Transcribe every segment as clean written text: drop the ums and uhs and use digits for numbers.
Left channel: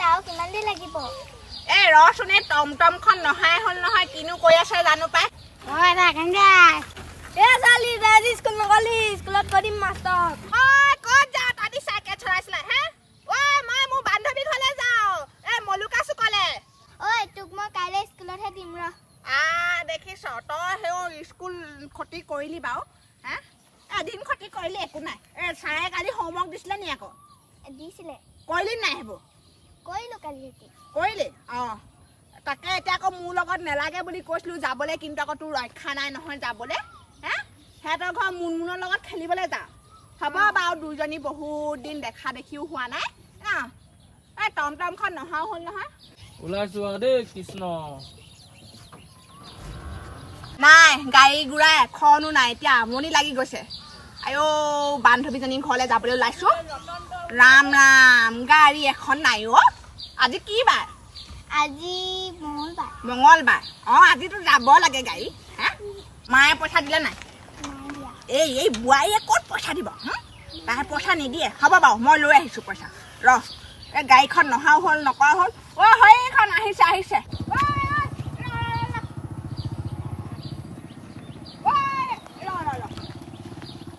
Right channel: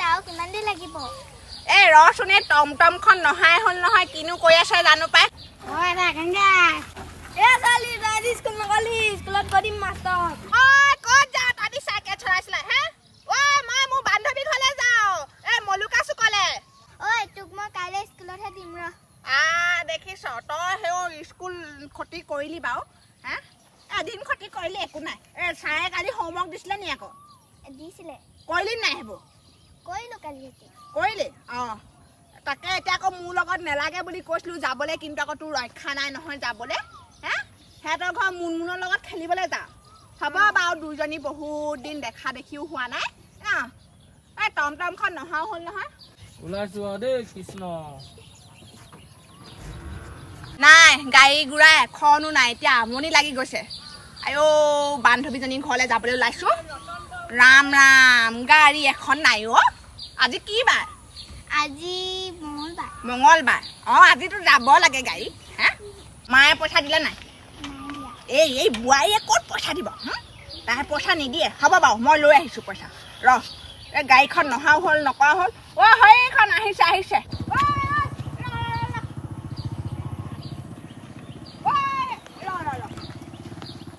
যাও কিমান দিন লাগিব এ ৰচোনে টমটমখন নহাই হল নহয় কিনো কৈ আছে জানো পাই ওই ৰাখেঙ্গা এ চালি দাদি স্কুল নগলি স্কুলত গদিম মাষ্টৰ ওই ক'ত যা তাদি সাইকেল চলাইছিলা হে ওই মই মোৰ বান্ধৱী ঘৰলে যাও এ মলুকা সুকলে ঐ তোক মই কাইলৈ স্কুলতহে দিম ৰ দেখিছ তই হেও স্কুল খতি কৰিলি বাও হা এদিন খতি কৰিলি একো নাই এ ছাৰে কালি হোমৱৰ্ক দিছিলে নি আকৌ দিছিলে কৰিলি নাই হেবো কৰিলো কালি কৰিলি তাকে এতিয়া আকৌ মোৰ লগত নেলাগে বুলি কৈছিলো যাবলৈ কিন্তু আকৌ তোৰ ৰক্ষা নাই নহয় যাবলৈ হে সিহঁতৰ ঘৰ মুনমুনৰ লগত খেলিবলৈ যা হ'ব বাৰু দুইজনী বহুত দিন দেখা দেখিও হোৱা নাই এই টমটমখন নহাও হ'ল নহয় ওলাইছো দেই কৃষ্ণ নাই গাড়ী গুড়া এখনো নাই এতিয়া আমনি লাগি গৈছে আইও বান্ধৱীজনীৰ ঘৰলৈ যাবলৈ ওলাইছো ৰাম ৰাম গাড়ী এখন নাই আজি কি বাৰ আজি মঙ্গলবাৰ আজিতো যাব লাগে গাড়ী হা মায়ে পইচা দিলে নাই এই বুঢ়াৰীয়ে ক'ত পইচা দিব তাই পইচা নিদিয়ে হ'ব বাৰু মই লৈ আহিছোঁ পইচা ৰ এই গাড়ীখন নহাও হ'ল নকৰা হ'ল সেইখন আহিছে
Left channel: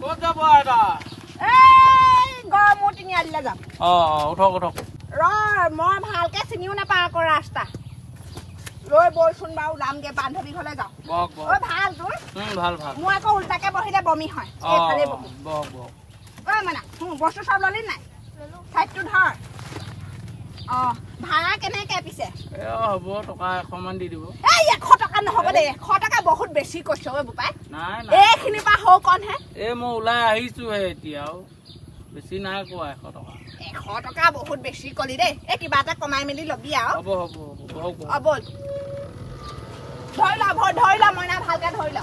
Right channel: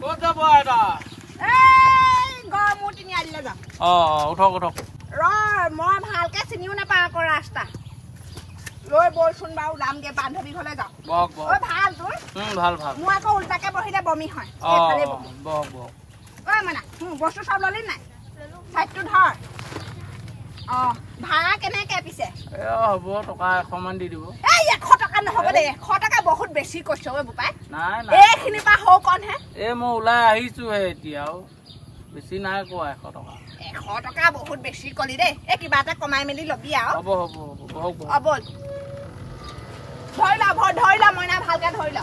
ক'ত যাব এটা গড়মূৰ তিনিআলিলৈ যাম উঠক ৰ মই ভালকে চিনিও নাপাওঁ আকৌ ৰাস্তা লৈ বলচোন বাৰু যামগে বান্ধৱী ঘৰলৈ যাওঁ ভাল তোৰ ভাল মোৰ আকৌ উল্টাকে বহিলে বমি হয় মানে বস্তু চব ললি নাই চাইডটো ধৰ ভাড়া কেনেকে পিছে হ'ব টকা 100 মান দি দিব 100 টকা নহ'ব দেই 100 টকা বহুত বেছি কৈছ বোপাই নাই এইখিনিৰ পৰা হৌ কণহে মই ওলাই আহিছোহে এতিয়াও বেছি নাই কোৱা 100 টকা 100 টকা বহুত বেছি কলি দেই কিবা এটা কমাই মেলি ল'বি আৰু হ'ব বল ধৰি ল মইনা ভালকে ধৰি ল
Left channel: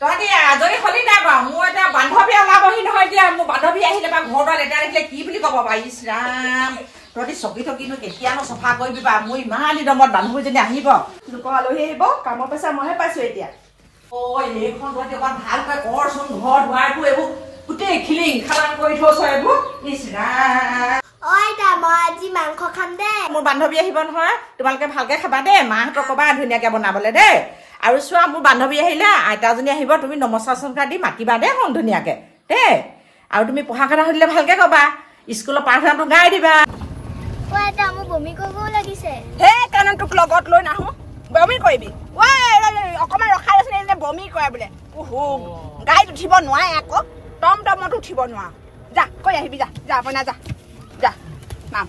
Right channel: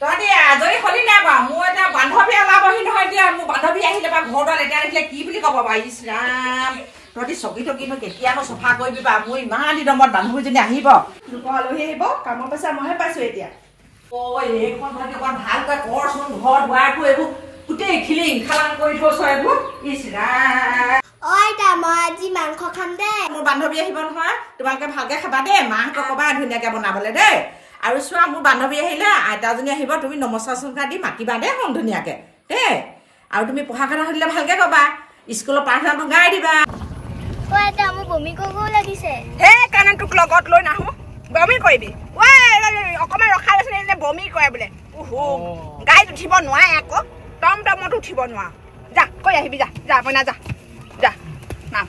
তহঁতি আজৰি হলি নাই বাৰু মোৰ এতিয়া বান্ধৱী ওলাবহি নহয় এতিয়া মোৰ বান্ধৱী আহিলে বা ঘৰটো লেতেৰা দেখিলে কি বুলি ক'ব বাৰু ইছ ৰাম তহঁতি চকী টকীনো কেতিয়ানো চফা কৰিবি বা মোৰ ইমান দিনৰ মূৰত বান্ধৱীজনী আহিব লোকৰ আলহী আহিব কামৰ পইচা মইহে পাইছো এতিয়া এইখন তহঁতি অকণ ভালকৈ কৰচোন ঘৰ দুৱাৰটো এইবোৰ গোটেই খিলিং খালাং কৰি থৈছ এইবোৰ ইছ ৰাম মই আজি মাংস খাম দে মোৰ বান্ধৱী আহিব নহয় তোমালোকে ভালকে খাবা দেই মাহঁতক ক'বা ধুনীয়াকে বনাবলৈ দেই আৰু চোৱা মোৰ বান্ধৱী আহিলে আইতাজনী আহিব তুমি নমস্কাৰ চমস্কাৰ দি মাতিবা দেই শুন ধুনীয়াকে দেই আৰু তুমি পঢ়া কথা সুধিলে ভালকে ক'বা স্কুলৰ প্ৰাৰ্থনাটো গাই দিবা মোৰ বমি কৰিব লাগিছে সেইকাৰণে তোক লগত লৈ নাহো বমি কৰিবি অকমান ৰখাই আছে বমি কৰে বোলে গাড়ীত উঠিব নোৱাৰে আকৌ টমটমত উঠিব নোৱাৰ যা কৈ আহিবি যা মইনা যা নাম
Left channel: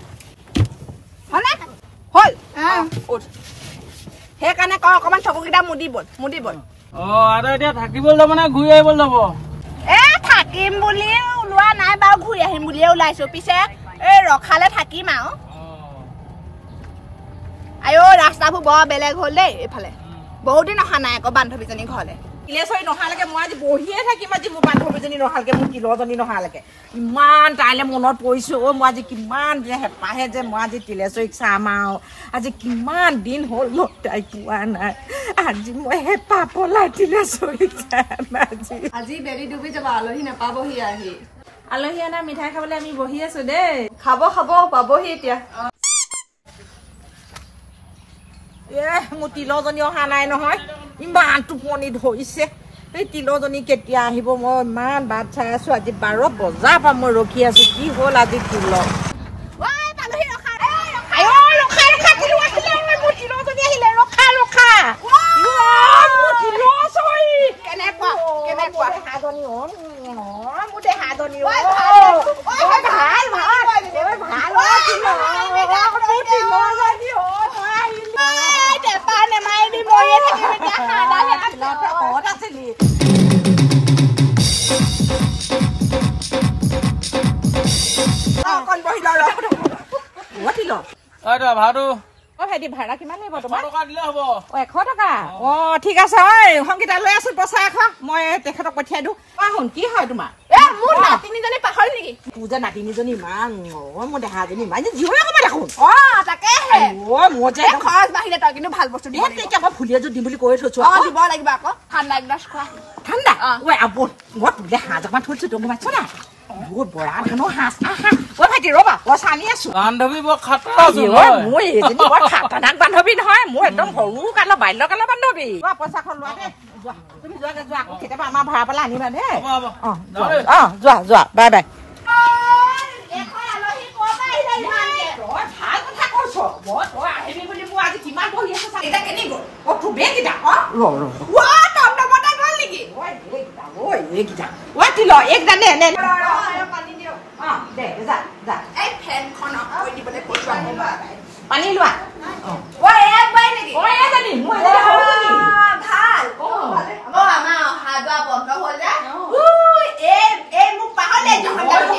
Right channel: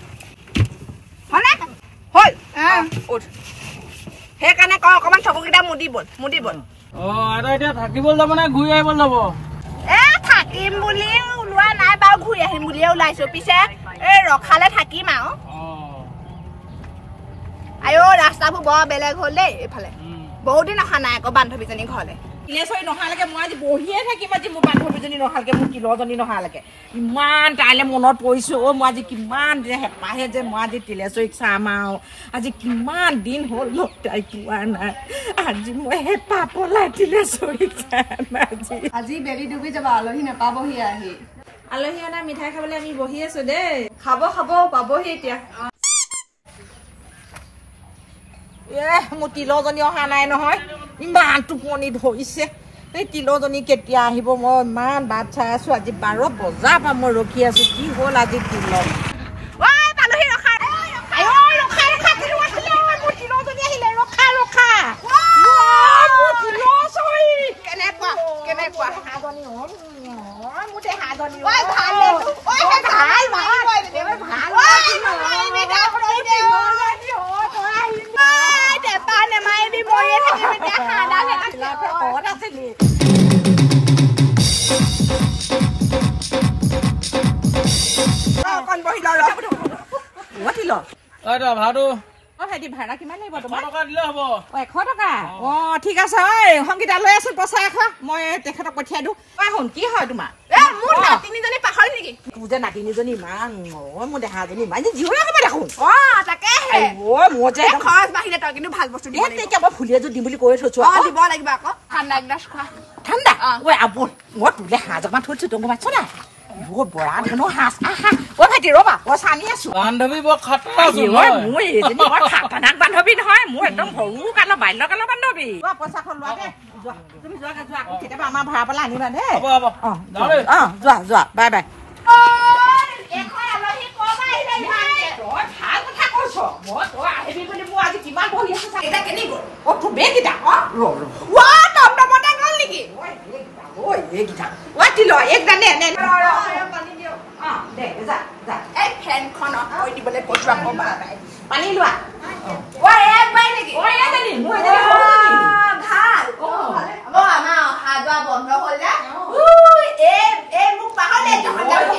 হল উঠ সেইকাৰণে কয় অকমান চকুকেইটা মুদি বল এতিয়া থাকিবলৈ যাব নে ঘূৰি আহিবলৈ যাব থাকিম বুলি ওলোৱা নাই বাৰু ঘূৰি আহিম বুলিয়ে ওলাইছো পিছে এই ৰখালে থাকিম আৰু ৰাস্তাবোৰ বৰ বেলেগ হ'ল দেই এইফালে বহুত দিন অহা নাই আকৌ বান্ধৱীজনী ঘৰলে তিলেশ্বৰী নহালৈকে মই আজি বহিয়ে থাকিম আজি মোৰ বান্ধৱীজনী নহালৈকে মোৰ তিলজনী নহালৈকে ইমান তাইলে মনত পৰিছো মই আজি কিমান দিন হেঁপাহে যে মই আজি তিলেশ্বৰীক চাম আৰু আজি কিমান দিন হ'ল তাই পোৱা নাই আজি মই হেঁপাহ পলাই তিলেশ্বৰীক চাম আজি বেলি ডুবি যাব আলহী নাপাবহি আলহী অনা মিঠাই খাবলৈ আমি বহি আছো দেই খাব পাবহি এতিয়া মোৰ তিলজনী অহা নাই নহয় ইমান টোপনি ধৰিছে এই তিলজনী কেতিয়া আহিব মই ইমান বাট চাই আছো আজি 12 বজাৰ পৰা মই ৰখি আছো কি হ'ল আজি তিল ভাড়া কিমান লাগিব তোমাৰ 100 টকা দিলে হ'ব 100 টকা ঠিক আছে সংগীতা লৈ আছো পইচা মই তেখেতক পঠিয়াই দিওঁ শুন কি হয় তোমাৰ মোৰ নাতিনীজনী পাহৰি নেকি তোৰ যে নাতিনীজনী ইমান মোৰ দেহাজনী ইমান জীৱ ক'ব দেখোন তাকেহে মোৰ যে খৰচ বাঢ়িলে তই কিন্তু ভাল বস্তু দিব তেতিয়া মই ফুলি এযোৰ দিম বুলি কৈ থৈছো দিব লাগিব আকৌ ঠাণ্ডা এগিলাচ খোৱা ঠাণ্ডা ঐ মই তোলে হাঁহ অকণমান থৈছো তোক পাইছ নাই বহুত বৰা ধৰণৰ হাঁহ আহা ঐ ভাইটি ৰ'বা মই চানি আছো বান্ধৱী বৰ খাটা আছো মই এজনী বৰ খাটানাক বান্ধৱী নহয় মোৰ একদম সৰু কালৰ বাল্যকালৰ বান্ধৱী পইচাখন লোৱা দে যোৱা তুমি যোৱা আকৌ কেতিয়াবা আমাৰ ভাড়া পেলাই আনিবা দেই যোৱা বাই বাই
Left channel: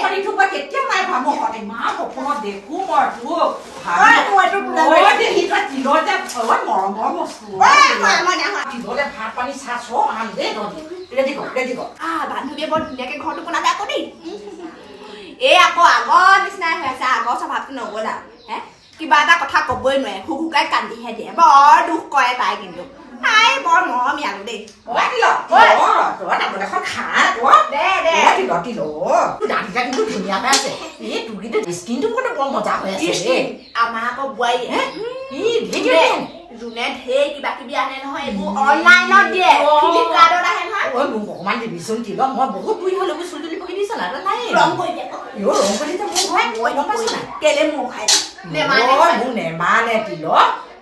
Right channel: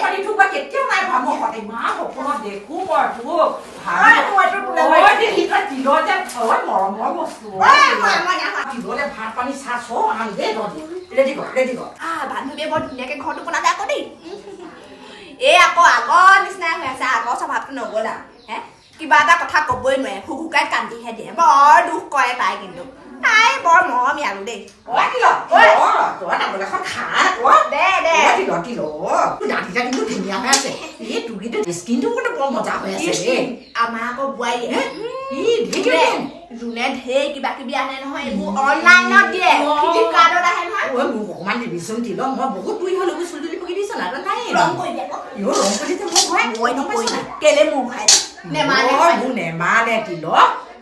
পানী লোৱা কেতিয়াও নাই ভাবো ইমান সপোনত দেখো মই মৰমৰ বস্তু ভাত পানী চাহ চব আনি দেই ৰেডি কৰ বান্ধৱীয়ে বৰ ধুনীয়াকে ঘৰটো বনালে আকৌ দেই এই আকৌ আগৰ নিচিনাই হৈ আছে আগৰ স্বভাৱটো নগ'লা হে কিবা এটা কথা ক'বই নোৱাৰে শুকাই কান্দিহে দিয়ে বৰ দুখ কৰে তাই কিন্তু তাই বৰ মৰমীয়ালো দেই আমাৰ আকৌ বোৱাৰীয়ে যোনে ঢেৰ কিবা কিবি আনে নহয় এইবোৰ অনলাইনত দিয়ে ফ্লিপকাৰ্টত আহে নহয় অকমান দিবিচোন তিল মই বহুত বুঢ়ী হলো চুলি তুলি পকি দিছ না নাই ৰং কৰি দিয়ে ৰং কৰি কেলে মোৰ খাই নেমানে তিল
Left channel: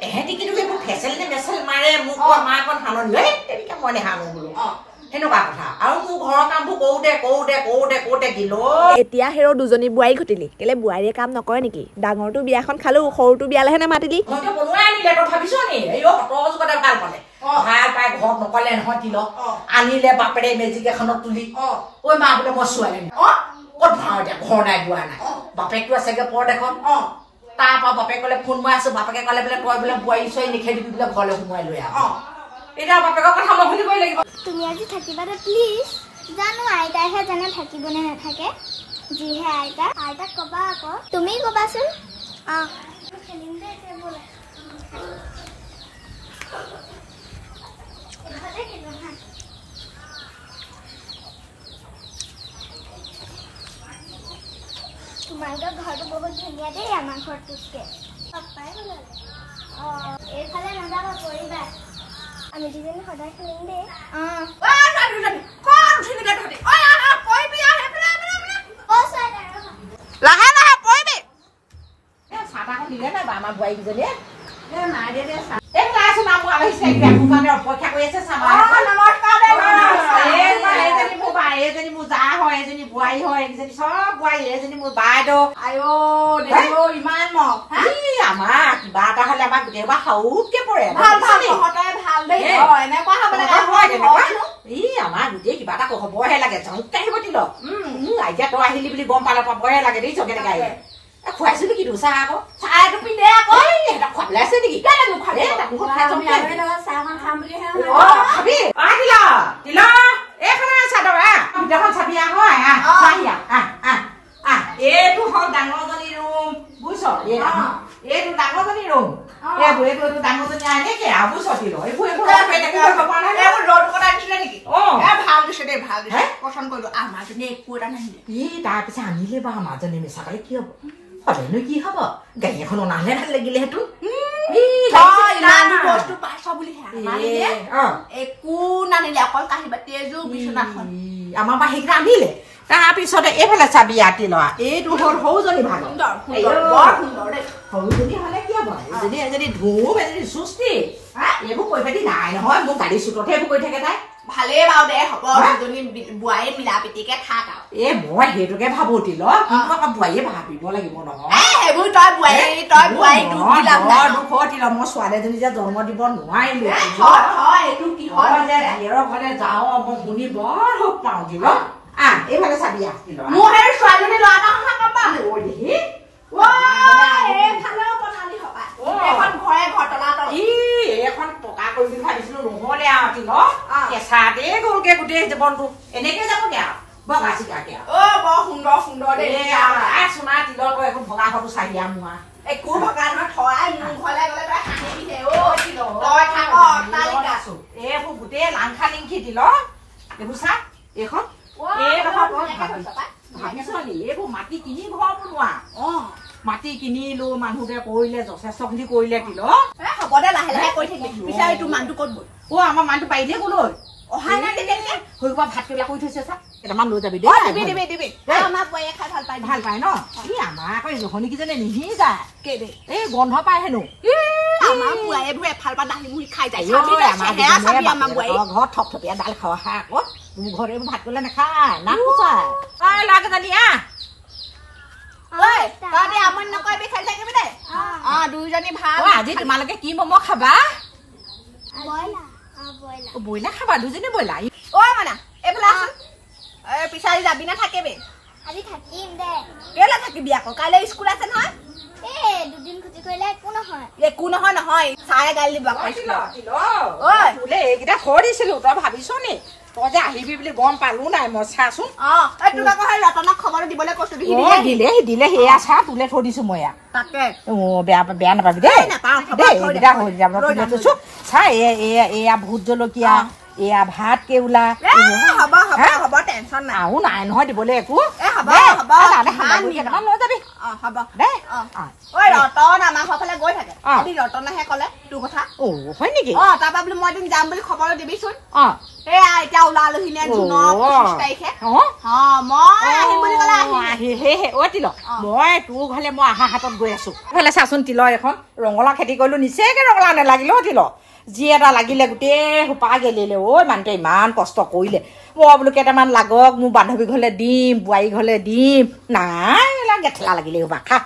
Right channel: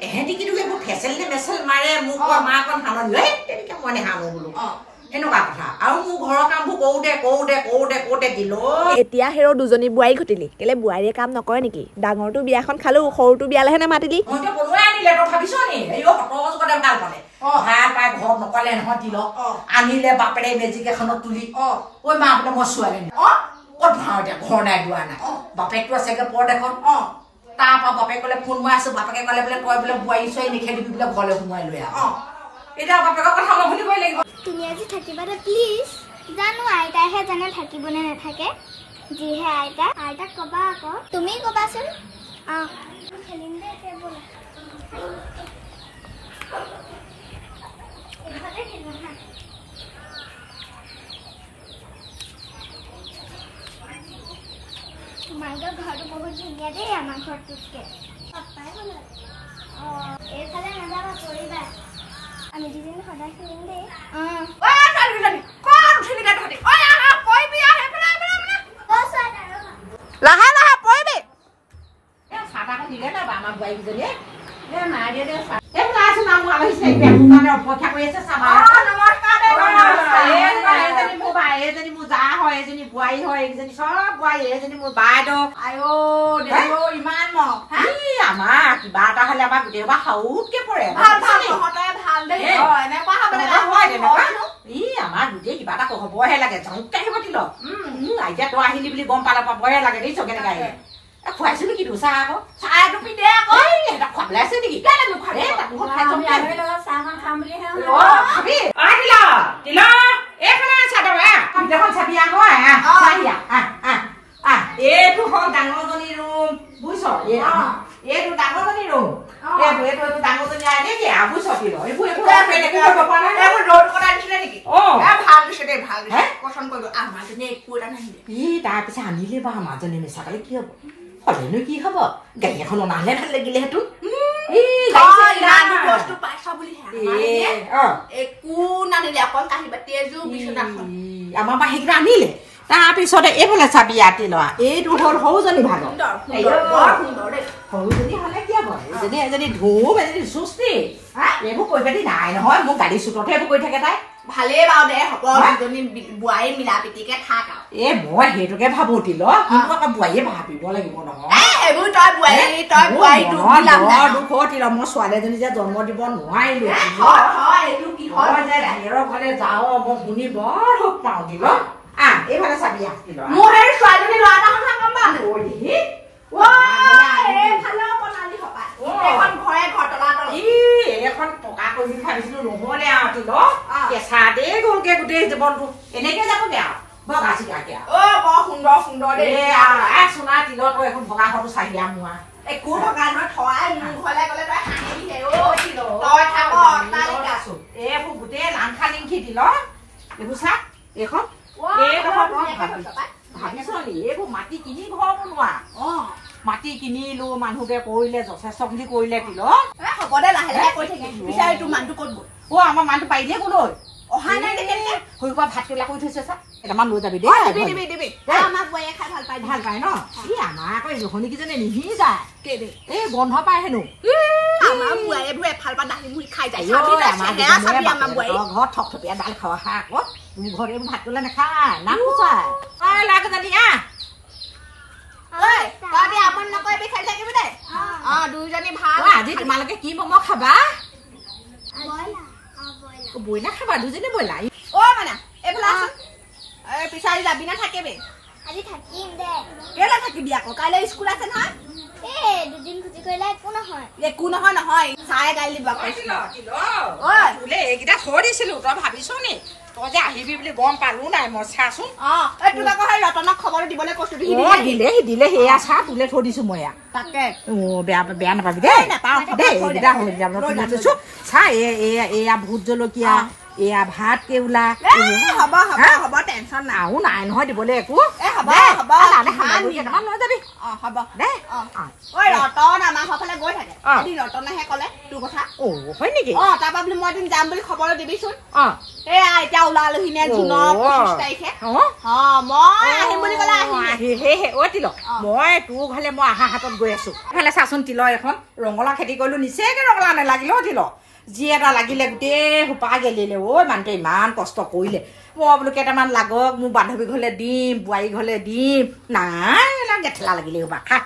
এহেঁতি কিন্তু এইবোৰ ফেচেল নে মেচেল মাৰে মোক মাকন সাননি তেনেকে মই নেহানো বোলো সেনেকুৱা কথা আৰু মোৰ ঘৰৰ কামবোৰ কৰোঁতে দিলো এতিয়া হেৰ দুজনী বোৱাৰী ঘটিলি কেলে বোৱাৰীয়ে কাম নকৰে নেকি ডাঙৰটো বিয়াখন খালো সৰুটো বিয়ালেহে নামাতিলি মইতো বনোৱাই আনিলে তই ভাবিছ নি এই কটজতে ভাল পালে ভাল পাই ঘৰত নকলে নহয় তিল আনিলে বাপেৰে মেজিক এখনত তুলি ঐ মা বোলে মই ছোৱালী ক'ত ভাও এতিয়া ঘৰ নাই দুৱাৰ নাই বাপেকটো আছেগে পৰ এখন তাৰপৰা বাপেক ক'লে ফোন মাৰি আছো বাপেকে ক'লে বোলে তই বোলে বোৱাৰী ছোৱালী নিখেদিবি বোলে ঘৰলৈ সোমোৱাই লৈ আহ এতিয়া বাপেকৰ কথা মই শুনিবই লাগিব তুমি আজি থাকিবা দে প্লিজ জানো আইতাইহে জানে থাকিব নে নাথাকে যিহে আইতাক ক'বা আকৌ তুমি ক'বাচোন খেলিম দে এতিয়া ব'লা তোমালোকৰ ঘৰটো বহুত ধুনীয়া দেই আমাৰ ঘৰটোতকৈ পাপাই বনালে এইফালে নাযাবা পৰিবা আমি দুজনী সদায় খেলিম দেই লাহে লাহে পৰিবি চাহ তাহ দিলে নাই বা আমাৰ বোৱাৰীকেইজনীয়ে নাই দিয়া দে আছো নাম আলহী অপেক্ষা কৰি আছে চাবা এজনী মোৰ বা এজনী মোৰ জা হয় এজনী বোৱাৰী হয় এজনী চব বোৱাৰী এজনী মোৰ বাইদেউ ইমান আমাৰ কিবা এটা হলে আমাৰ গোটেই বা সৰুতকে পৰে আমাৰ গোটেই কিবা এটা হবহে লাগে জংকে আহিব দিল এতিয়া তই আহিলি বুলি গম পালে পাবহে লাগে দেই চকে কেনেকে আহিলে খুৱাইছো নেকি তোৰ চাহ আকৌ চাহ এইটো পিন্ধে আকৌ খুৱাবলৈ আছে নেকি এইটো হ'ল ডাঙৰজনী ৰুম বুজিছ এইটো ডাঙৰজনী ৰুম এইটো ডাঙৰজনী আহে নেকি বুজিছ তিল এইবোৰ তাৰপিছত আনিলে বা মাজনী মিছা পালে কি হব সদায়নো কি হব গাড়ী এখন অনালে ভাল লাগিলে সেইটো একো নানিলে অকল কাঁহী বাতি এযোৰ বিচনাখন আমাৰ পৰা সেইকেইটা আনিলে তাৰপিছতে এইফালে চাবি আতি লোৱা এইটো হ'ল সৰুজনী ভাগ সৰুজনী হলে কি হব এজনী ধুম এজনী চুস্তি এইবোৰ কৈ পাতি নাই নহয় মোৰ গাড়ী চুটতহে এইবোৰ কৈ থাকে তাই ভালেই বাৰু দে হ'ব দুজনী বোৱাৰী মিলা প্ৰীতিকে থাক আৰু মই সেইটোকে ভাবো তিল কিন্তু আকৌ বোৱাৰীয়ে ভাবিব লাগিব নহয় সেইবোৰ তই বোৱাৰী তিল মই ছোৱালীজনী যে জন্ম দিব নোৱাৰিলো বাহিৰৰ ঘৰলে যাওঁ মই শুনি বৰ সুখ পাওঁ তিল এইফালে চাবি তিল মোৰ সেই ছোৱালীজনী ল'ৰা এটা কথা গম পাওঁ এইখন পকা কৰিম বুলি ভাবিছিলো নহলে আৰু তিল কেঁচাতে গ'লগে গোটেই জীৱনটো এনেকে যাবগে আৰু বগা চিকাকে অ বৰ সুন্দৰ সুন্দৰ দে সোণা তিলৰ তই এখন ভগা ঘৰটো চাহি মোৱা একো ভগা নহয় থৰাই মোৰ ঘৰলৈ গ'লে তই হাঁহিবিহে অ তিল তই থাক তালিকা এইবোৰ গোটেই লাংখা লিংখি তিল এইবোৰ চা এইখন ভাবিছ নি এইবোৰ মাটি কিনি ঘৰ বনোৱা মাটি কিনিলো মানুহকে কৰিলে যথেষ্ট খিনি কৰিলে তিল হ'ব দে লাহে লাহে কৰি থাকিবি বিচাৰি তোৰ মানুহটো ক'ত গ'ল আমাৰ মানুহটো পাৰিলে গ'লৈ অহা নাই তেতিয়া সৰু পৰা ভাত কেইটা কৰি থৈছে চা কেইটামান লৈ যাবি দিবি আমাৰ বোৱাৰীয়ে খাই ভাল পায় ন ই আমাৰ আকৌ জহনি কিজনে নিহি যায় এই গন্ধ পায় হেনো আমাৰ বোৱাৰীবোৰ এফাল পৰা দালি মুড়ি খাই যায় ঘৰত থপথপীয়া দাল খাৱা খা আকৌ তুমি ঘৰত এইবোৰ ভাত কৰিলে নাখায় নাক কোচাই লাগে জানি তই আমনি নকৰিবি খাই থাকিবি দে দুইজনী ভাল আজি তোমালোকে কি মম খাবা ব্ৰইলাৰ খাবা দুজনী ব্ৰইলাৰ মানে এইফালে আছোন পিছাৰি যাবি নে থাকিবি আজি থাকিম দে কেলে থাকিবি আকৌ কাইলৈ স্কুল আছে নহয় দুদিন ক্ষতি কৰিলে একো নহয় একো নহয় নহয় চাৰে গালি দিব এইকেইটা থৈ দিছিলো তই ভাবিছ নি তই যে আহিবি বুলি গম পালো নাই মই চাচোন তোক আকৌ সেই ৰতনক খবৰটো দিবলৈ কৈছো দিলে সেয়া চা তোলে থৈ দিছো মই তাকে বেয়া নাপাবি দেই চা এয়া ভোট জলকীয়া এয়া ভাত কেউলা হ'ব হ'ব টেনচন নাই আৰু নাই নহয় দিবলৈ একো হ'ব লৈ যাবি হ'ব দে ঐ ৰতন আমাৰ ঘৰ ফালে গৈ থাকে আজি ৰতনেহে ক'লে তোৰ কথা হয় নেকি তাৰপৰা বোলো মই এদিন যাম বুলি খবৰ দিবিচোন এয়া এতিয়া ওলালোহি নে জুনৰ 25 তাৰিখে মই আহিম বুলি ক'লে তিল মই তোৰ ঘৰলে মই আহা হাতত গৈ আছো সেইফালে চাচোন তিলৰ এখন ৰঙালাও খেতি কৰিলো নিচেকে ৰঙালাও নালাগিলে তিল যি এটা লাগিলে গোটেই সোপা গেলিলে মানুহটোৱে ইমান কষ্ট কৰিলে মই বোলো কেইটামান লাগক মোৰ বান্ধৱী ঘৰলে দিম বোৱাৰী ঘৰলে দিম নাই গেঠেলা লাগিলে সোপা খা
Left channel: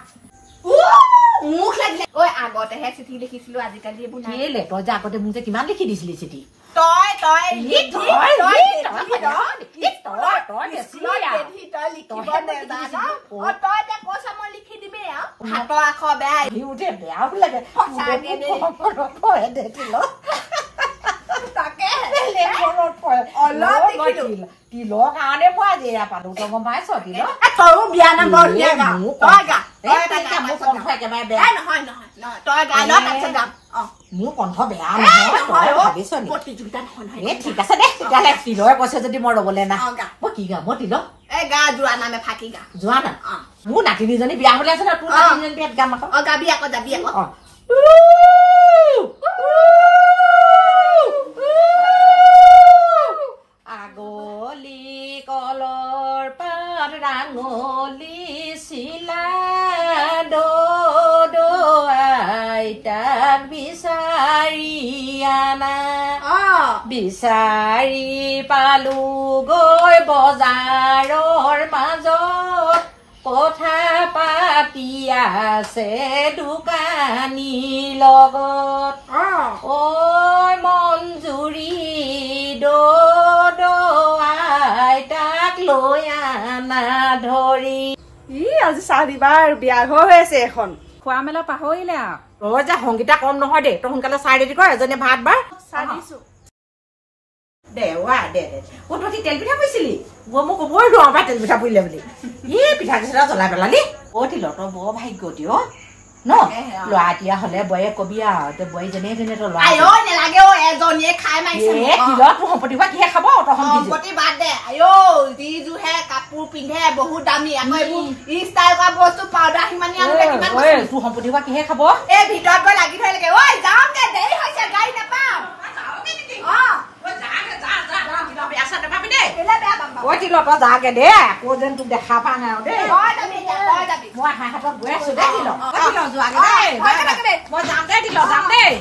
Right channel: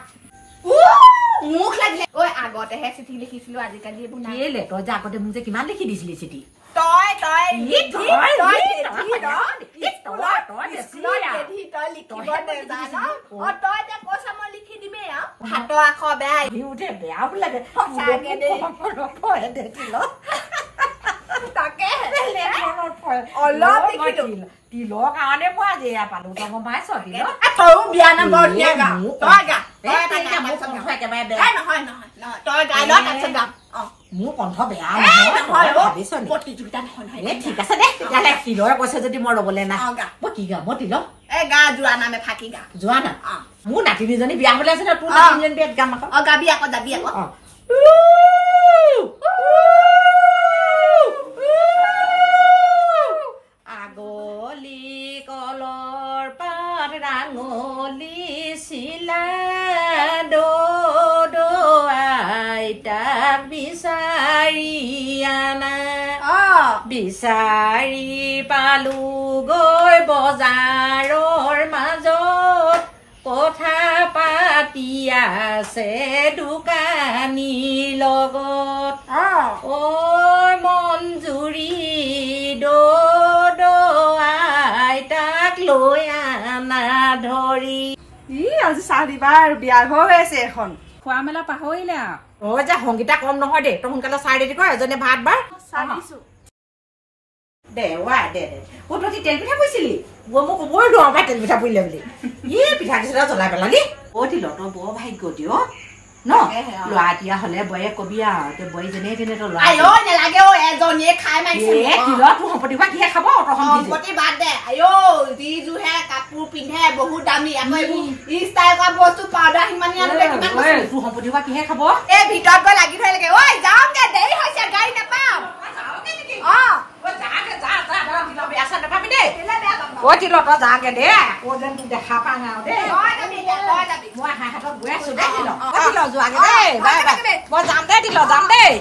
মোক লাগিলে আগতেহে চিঠি লিখিছিলো আজিকালি এইবোৰ নাই তই যে আগতে মোক যে কিমান লিখি দিছিলি চিঠি হাতৰ আখৰ বেয়া বেয়াও লাগে তিলৰ কাৰণে পোৱা যে পাতো তই গম পাইছ বিয়া নম্বৰ মোৰ কণ্ঠ বেয়া নহয় ভাবিছ প্ৰতিযোগিতা নহয় ঠিক আছে দে তেতিয়াহ'লে তিলৰে কৈছে যদি মই ৰবলৈ নাই মই কি গাম মই তিল গা যোৱা নামে ফাঁকি গা যোৱা না মোৰ নাতিনীজনী বিয়া হলে আছে ন তোৰ নাতিনীজনী বিয়াত গাম আকৌ গাবি আকৌ যাবি আকৌ আগলি কলৰ পাত ৰাঙলি চিলা আইতাক বিচাৰি আনা বিচাৰি পালো গৈ বজাৰৰ মাজত কথা পাতি আছে দোকানীৰ লগত ঐ মঞ্জুৰি আইতাক লৈ আনা ধৰি আজি চাহ দিবা আৰু বিয়া ঘৰ হৈ আছে এখন খোৱা মেলা পাহৰিলে তই যে সংগীতা কম নহয় দে তই সোনকালে চাই ৰেডি কৰ এজনে ভাত বাৰ দে তই কি তেল পিঠা পৰিছিলি মই কবই নোৱাৰো পাই তেল পিঠা পৰিলে বুলি পিঠা কেইটা জ্বলাই পেলালি তিল তই বৰ ভাগ্য দিয় ন ল'ৰা এতিয়া হলে বয়ে কবি আৰু এতিয়া বয়ে যেনে তেনে তই নালাগে এজনীয়ে খাই মাৰিছে তোৰ সম্পত্তি বা কিহে খাব সম্পত্তি বাদ দে যিযোৰহে কাপোৰ পিন্ধে বহুত দামী আকৌ এইবোৰ ষ্টাইল কৰা বস্তু পাউডাৰ সিমানি তোৰ সম্পত্তি বা কিহে খাব এই ভিতৰত গৈ লাগি থৈ লাগে ঐ যাওঁগে দেৰি হৈছে গাড়ী নাপাম তিল তই যাগে দে আকৌ যেন তোক দেখা পা নাই দেই মই হাতত গৈ আছো দে তিল যোৱাগে দেই মই যাম দে তিল যাম দেই